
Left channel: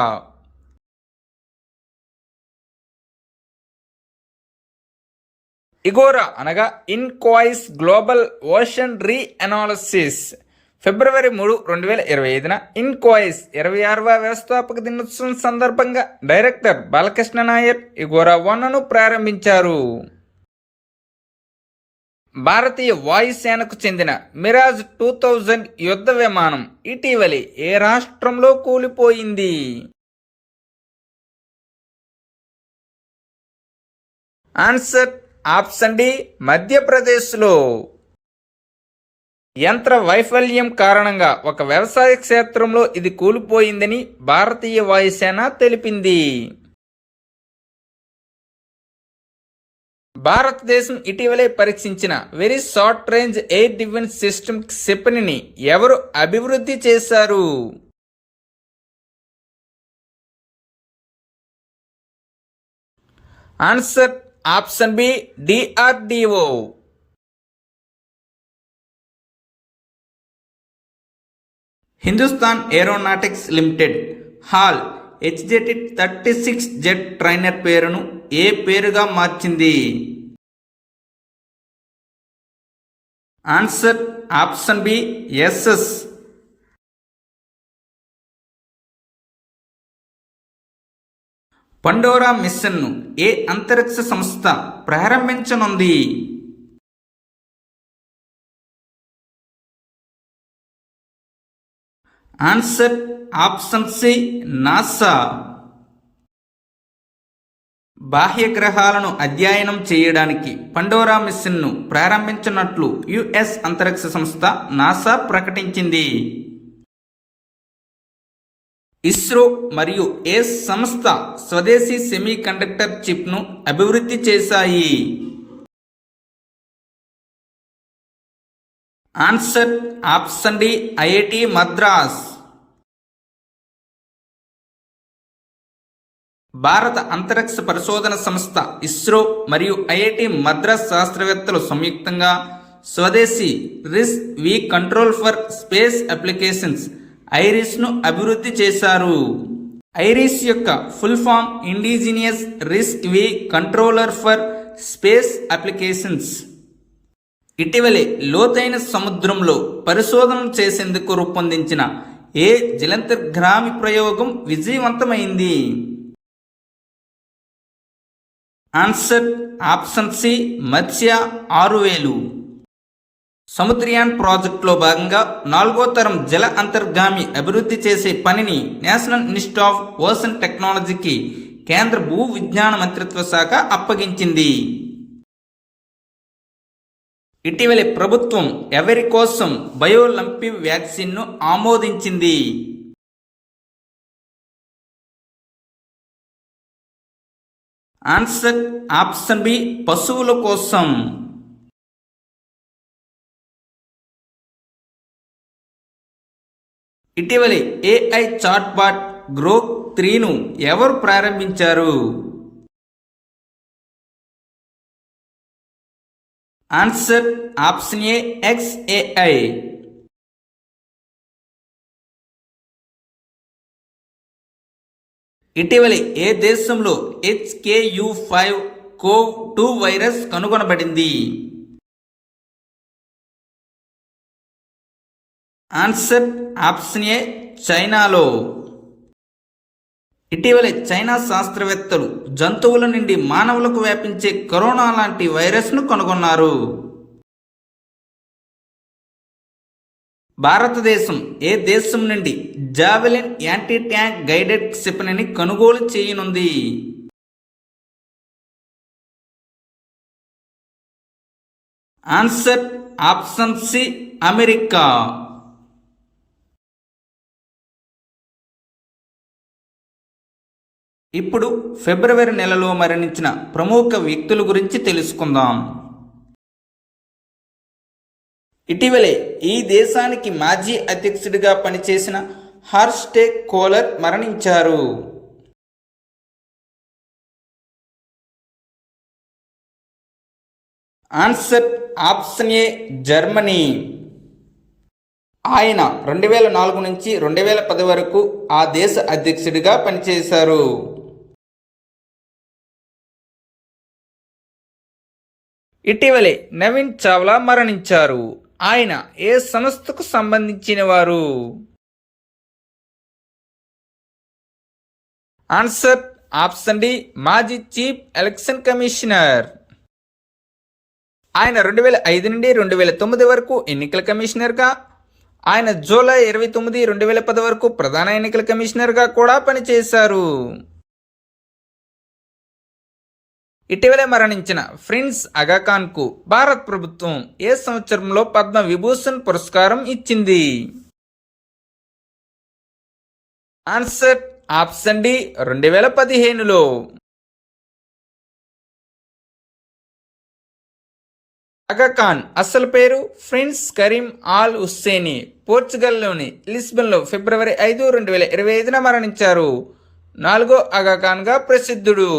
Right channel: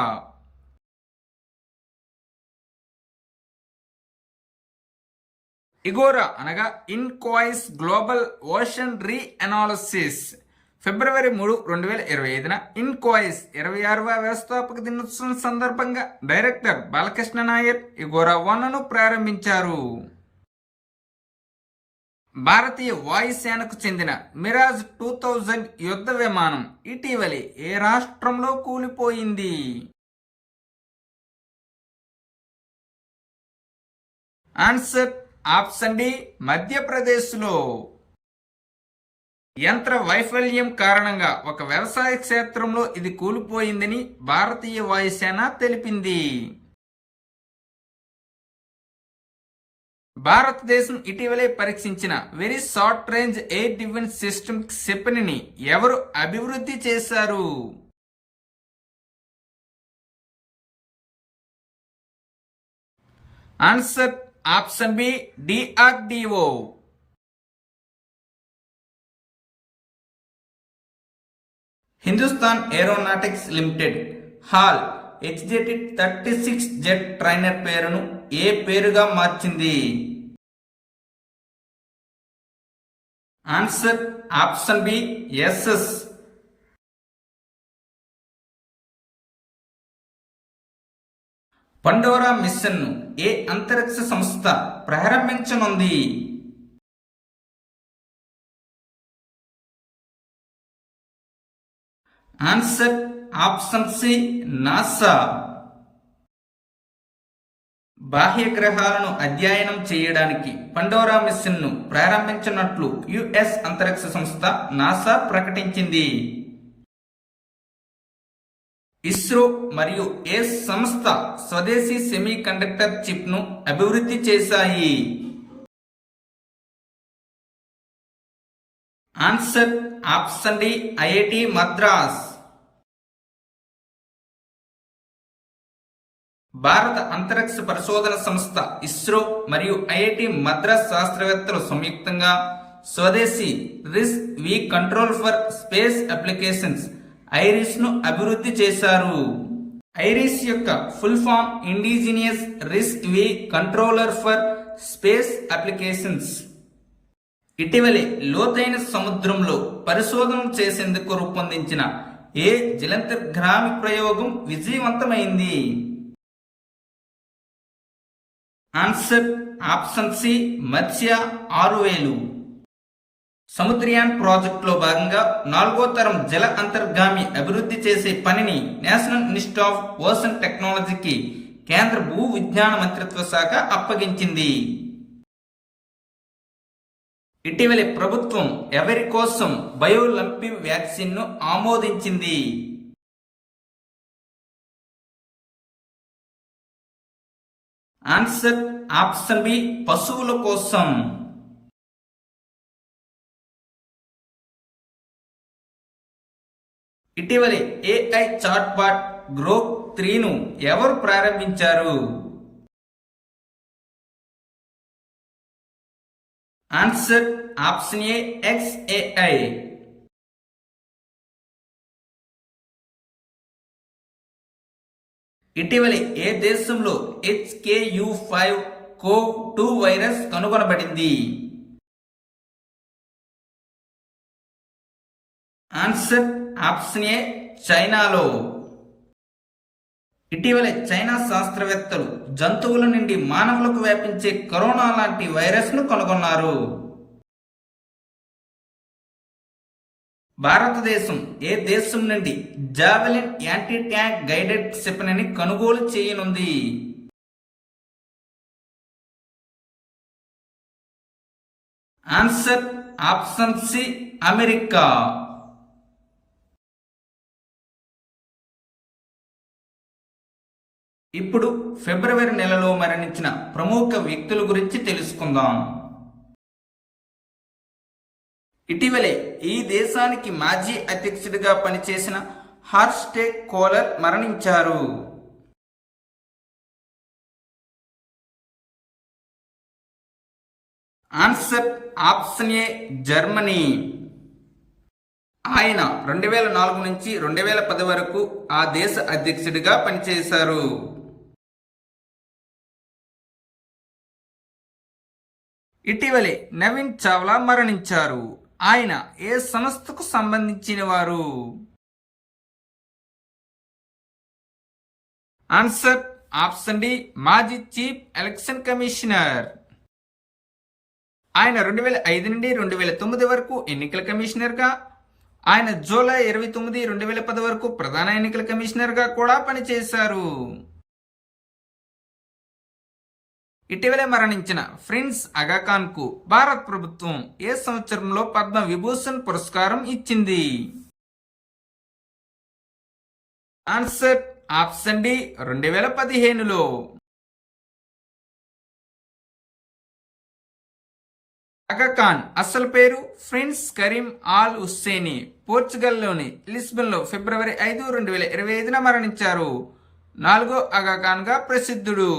ఇగోరా అనగా ఇన్కాయిస్ గ్లోబల్ ఓషన్ రీ అనాలిసిస్. ఫిబ్రవరి 3, 2025న ఇన్కాయిస్ 26వ వ్యవస్థాపక దినోత్సవం సందర్భంగా డైరెక్టర్ బాలకృష్ణ నాయర్ ఇగోరా 1ను ప్రారంభించారు. భారతీయ వాయుసేనకు చెందిన మిరాజ్ 2000 యుద్ధ విమానం ఇటీవలి ఏ రాష్ట్రంలో కూలిపోయింది? ఆన్సర్ ఆప్షన్ డి మధ్యప్రదేశ్లో. యంత్ర వైఫల్యం కారణంగా ఒక వ్యవసాయ క్షేత్రంలో ఇది కూలిపోయిందని భారతీయ వాయుసేన తెలిపింది. భారతదేశం ఇటీవలే పరీక్షించిన very short range air defence system క్షిపణిని ఎవరు అభివృద్ధి చేశారు? Answer option B DRDO. Hindustan Aeronautics Limited HAL HJT-36 jet trainer పేరును ఏ పేరుగా మార్చింది? Answer option B SS. Pandora మిషన్ను ఏ అంతరిక్ష సంస్థ ప్రారంభించనుంది? Answer option C NASA. బాహ్య గ్రహాలను అధ్యయనం చేయడానికి పండోరా మిషన్ను ప్రారంభించినట్లు యుఎస్ అంతరిక్ష సంస్థ నాసా ప్రకటించింది. ఇస్రో మరియు ఏ సంస్థ స్వదేశీ సెమీ కండక్టర్ చిప్ను అభివృద్ధి చేశాయి? Answer option D IIT Madras. భారత అంతరిక్ష పరిశోధన సంస్థ ఇస్రో మరియు ఐఐటి మద్రాస్ శాస్త్రవేత్తలు సంయుక్తంగా స్వదేశీ RISC V control for space applications ఐరిస్ను అభివృద్ధి చేశారు. ఐరిస్ యొక్క full form indigenous RISC V controller for space applications. ఇటీవలే లోతైన సముద్రంలో పరిశోధన చేసేందుకు రూపొందించిన ఏ జలంతర్గామి ప్రయోగం విజయవంతమైంది? ఆన్సర్ ఆప్షన్ సి మత్స్య 6000. సముద్రయాన్ ప్రాజెక్టులో భాగంగా 4వ తరం జల అంతర్గామి అభివృద్ధి చేసే పనిని నేషనల్ ఇన్స్టిట్యూట్ ఆఫ్ ఓషన్ టెక్నాలజీకి కేంద్ర భూ విజ్ఞాన మంత్రిత్వ శాఖ అప్పగించింది. ఇటీవలే ప్రభుత్వం ఎవరి కోసం బయోలంపివ్ వ్యాక్సిన్ను ఆమోదించింది. ఆన్సర్ ఆప్షన్ బి, పశువుల కోసం. ఇటీవలే ఏఐ చాట్బాట్ గ్రోక్ 3ను ఎవరు ప్రారంభించారు? ఆన్సర్ ఆప్షన్ ఏ, XAI. ఇటీవలే ఏ దేశంలో HKU5-CoV-2 వైరస్ కనుగొనబడింది? ఆన్సర్ ఆప్షన్ ఏ, చైనాలో. ఇటీవలే చైనా శాస్త్రవేత్తలు జంతువుల నుండి మానవులకు వ్యాపించే కరోనా లాంటి వైరస్ను కనుగొన్నారు. భారతదేశం ఏ దేశం నుండి జావెలిన్ యాంటీ ట్యాంక్ గైడెడ్ క్షిపణిని కొనుగోలు చేయనుంది? Answer option C, America. ఇప్పుడు ఫిబ్రవరి నెలలో మరణించిన ప్రముఖ వ్యక్తుల గురించి తెలుసుకుందాం. ఇటీవలే ఈ దేశానికి మాజీ అధ్యక్షుడిగా పనిచేసిన హార్స్టెక్ కోలర్ మరణించారు. ఆన్సర్ ఆప్షన్ ఏ, జర్మనీ. ఆయన 2004 నుంచి 2010 వరకు ఆ దేశ అధ్యక్షుడిగా పనిచేశారు. ఇటీవలే నవీన్ చావ్లా మరణించారు. ఆయన ఏ సంస్థకు సంబంధించిన వారు? ఆన్సర్ ఆప్షన్ డి, మాజీ చీఫ్ ఎలక్షన్ కమిషనర్. ఆయన 2005 నుండి 2009 వరకు ఎన్నికల కమిషనర్గా, ఆయన జూలై 29, 2010 వరకు ప్రధాన ఎన్నికల కమిషనర్గా కూడా పనిచేశారు. ఇటీవలే మరణించిన ప్రిన్స్ అగాఖాన్ కు భారత ప్రభుత్వం ఏ సంవత్సరంలో పద్మ విభూషణ్ పురస్కారం ఇచ్చింది? ఆన్సర్ ఆప్షన్ డి, 2015లో. అగాఖాన్ అసలు పేరు ప్రిన్స్ కరీం ఆల్ హుస్సేని. పోర్చుగల్లోని లిస్బన్లో ఫిబ్రవరి 5, 2025న మరణించారు. 4వ అగాఖాన్గా ప్రసిద్ధుడు.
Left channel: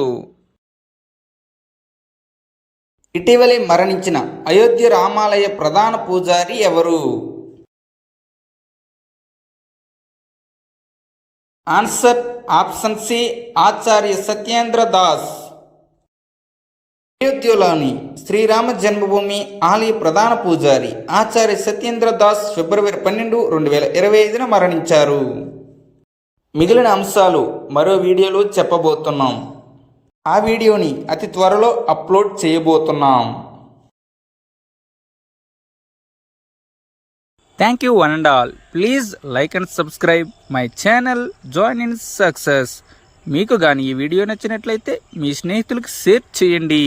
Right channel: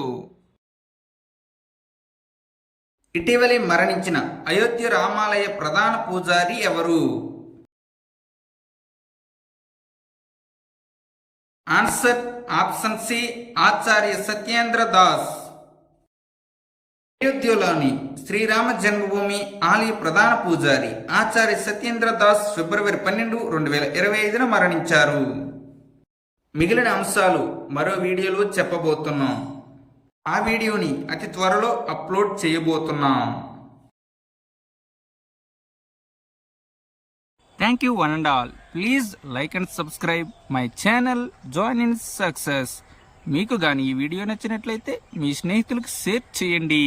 ఇటీవలే మరణించిన అయోధ్య రామాలయ ప్రధాన పూజారి ఎవరు? ఆన్సర్ ఆప్షన్ సి, ఆచార్య సత్యేంద్ర దాస్. అయోధ్యలోని శ్రీరామ జన్మభూమి ఆలయ ప్రధాన పూజారి ఆచార్య సత్యేంద్ర దాస్ ఫిబ్రవరి 12, 2025న మరణించారు. మిగిలిన అంశాలు మరో వీడియోలో చెప్పబోతున్నాం. ఆ వీడియోని అతి త్వరలో అప్లోడ్ చేయబోతున్నాం. Thank you one and all. Please like and subscribe my channel join in success. మీకు కానీ ఈ వీడియో నచ్చినట్లయితే మీ స్నేహితులకు షేర్ చేయండి.